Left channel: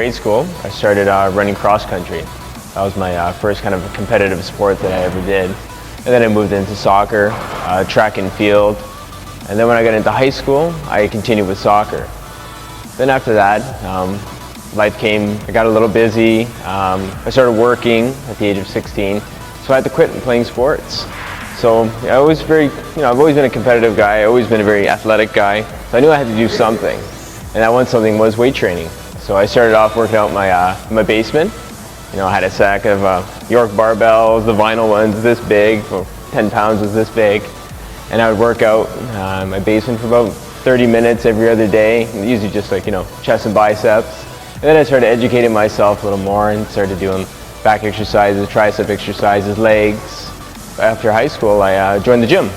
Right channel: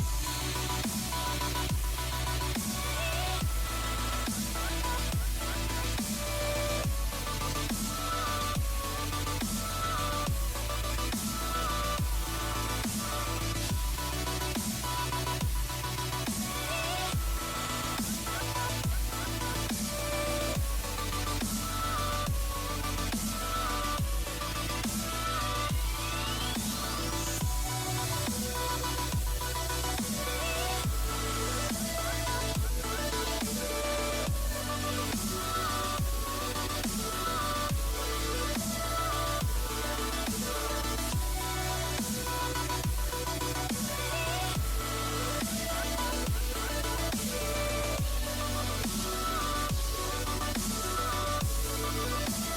grade school, I started running cross country. That was my first kind of competitive sport that I ever did. And then I moved into soccer, track and field. And then when I got into high school, I continued with soccer. Then after that, life came, I got a little busy. I started working at the age of 16, so I had to quit playing sports. So I was I've always been a competitive guy, I've always been a very athletic guy, so I knew I had to do something. And that one something was weight training. So I started off working out in my basement. I had a sack of York barbells, the vinyl ones this big, 10 pounds was this big. And I would work out in my basement for about 30 minutes every other day, usually just like, chest and biceps. And then I started educating myself a little more and started doing back exercises, tricep exercises, legs. After high school, I joined the gym.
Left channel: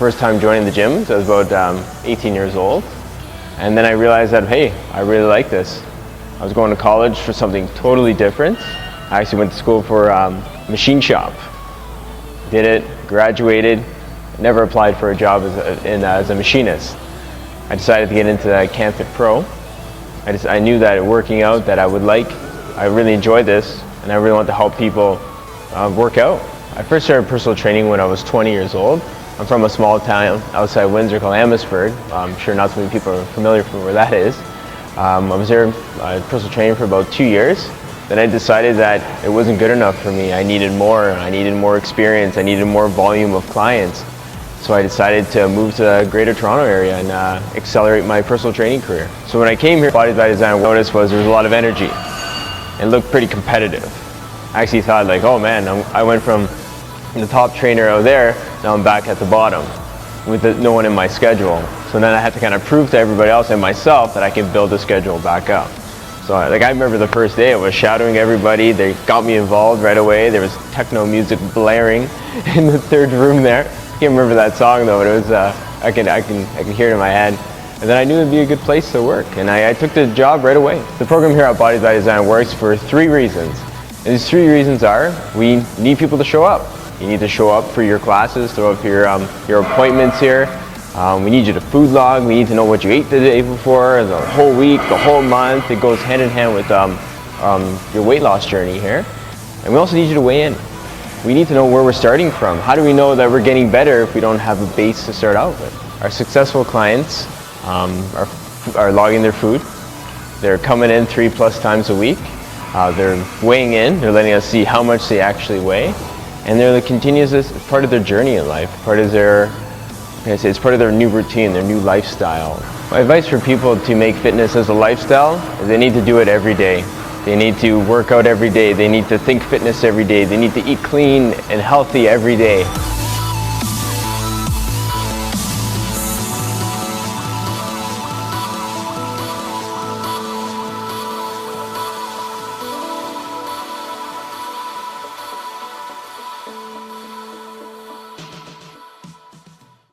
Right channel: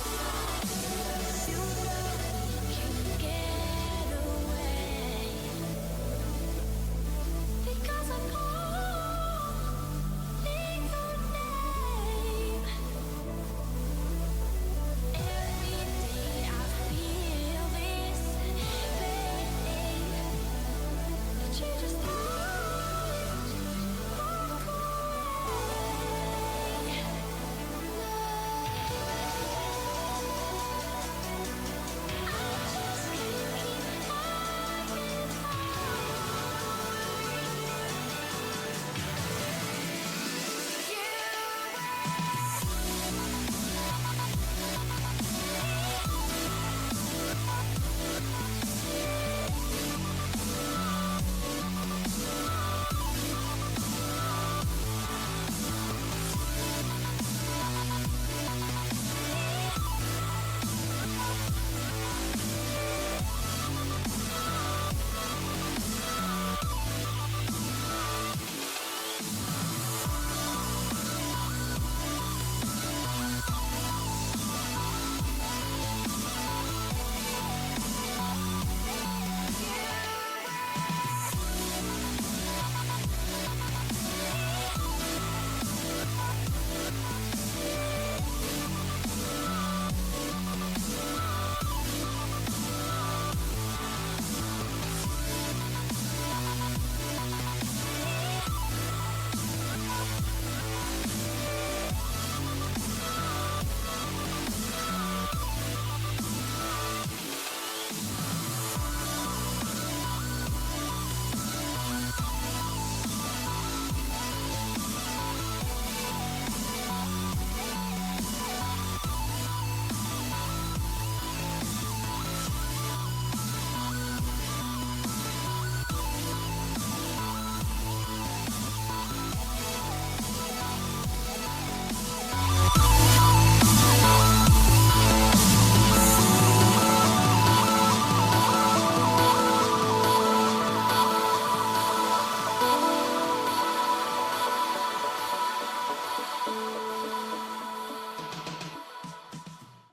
First time joining the gym, so I was about 18 years old. And then I realized that, hey, I really like this. I was going to college for something totally different. I actually went to school for machine shop. Did it, graduated, never applied for a job as a machinist. I decided to get into CanFit Pro. I knew that working out that I really enjoyed this, and I really want to help people work out. I first started personal training when I was 20 years old. I'm from a small town outside Windsor called Amherstburg. I'm sure not so many people are familiar with where that is. I was there personal training for about 2 years. Then I decided that it wasn't good enough for me. I needed more experience, I needed more volume of clients. So I decided to move to the Greater Toronto area and accelerate my personal training career. So when I came here, Bodies by Design, what I noticed was there was a lot of energy. It looked pretty competitive. I actually thought like, oh man, I went from the top trainer out there, now I'm back at the bottom with no one in my schedule. So then I had to kind of prove to everybody else and myself that I can build the schedule back up. So I remember the first day I was shadowing everybody. They got me involved right away. There was techno music blaring in the third room there. I can't remember that song though, but it was, I can hear it in my head. And then I knew it'd be a good place to work, and I took the job right away. The program here at Bodies by Design works for 3 reasons. And these 3 reasons are, we need people to show up. You need to show up for your classes, show up for your appointments here. We need you to food log, we need to know what you ate the day before, the whole week, the whole month. It goes hand in hand with your weight loss journey here. And we also need you to weigh in. We need to know where we're starting from. How do we know that we're getting better if we don't have a base to start out with? Our successful clients are logging their food. They're coming in 3+ times a week. They're weighing in, they're letting us see how much they actually weigh. And they're continuous as part of their journey in life, it's part of their new routine, their new lifestyle. My advice for people to make fitness as a lifestyle is they need to do it every day. They need to work out every day. They need to think fitness every day. They need to eat clean and healthy every day.